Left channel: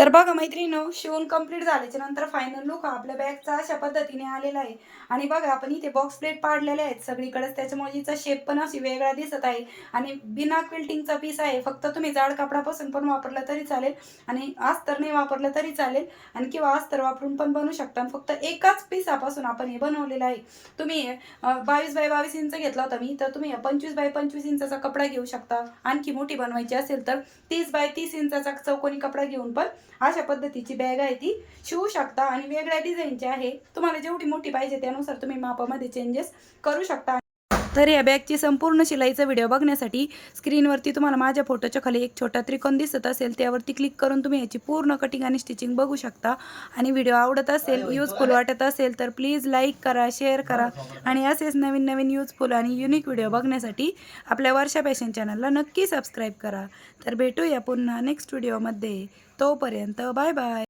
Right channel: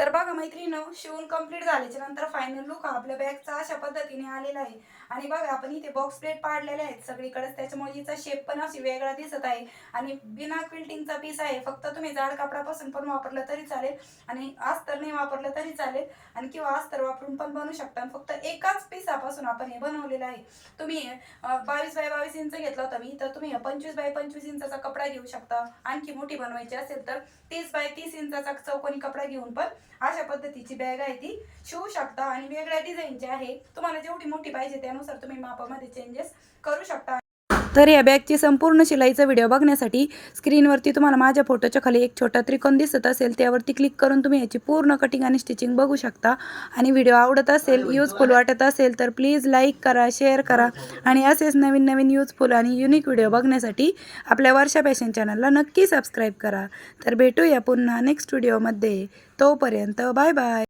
तर बघा मैत्रिणींनो, शिवून कंप्लीट झाल्याच्या नंतर फायनल लुक हा आपल्या बॅगचा अशा पद्धतीने आलेला आहे. आणि बघा आपण इथे बॉक्स प्लेट पाडलेले आहेत सगळीकडेच, त्याच्यामुळे हिचा शेप पण अशी वेगळा दिसत आहे. आणि बिना क्विल्टिंगचा पीस आहे. फक्त तुम्ही जाड कपडापासून पण वापरलं तरी चालेल आणि अस्तर नाही वापरलं तरी चालेल, आणि किंवा अस्तर वापरून पण बनवू शकता. फक्त एकाच पिसापासून आपण हे बनवलेलं आहे. तुम्ही 22 बाय 22 इंच घेतला होता मी, तर तुम्ही 25 बाय 25 इंचाचा कपडा घेऊ शकता. आणखी मोठी बनवायची असेल तर 30 बाय 30 इंचाचा चौकोनी कपडा घेऊन पण अशा पद्धतीची बॅग आहे ती शिवू शकता. आणि वेगळ्या डिझाईनची आहे, तुम्हाला जेवढी मोठी पाहिजे त्यानुसार तुम्ही मापामध्ये चेंजेस करू शकता. तर या बॅगची संपूर्ण शिलाईचा व्हिडिओ बघण्यासाठी स्क्रीनवरती तुम्हाला माझ्या फोटोच्या खाली एक छोटा त्रिकोण दिसत असेल, त्यावरती क्लिक करून तुम्ही याची पूर्ण कटिंग आणि स्टिचिंग बघू शकता. आणि व्हिडिओ आवडत असेल, यूजफुल वाटत असेल तर प्लीज लाईक करा, शेअर करा. आणि असेच नवीन नवीन यूजफुल आणि युनिक व्हिडिओ बघण्यासाठी आपल्या वर्षा फॅशन चॅनलला नक्की सबस्क्राईब करा. तर भेटूया पुन्हा नेक्स्ट व्हिडिओमध्ये. तोपर्यंत बाय बाय.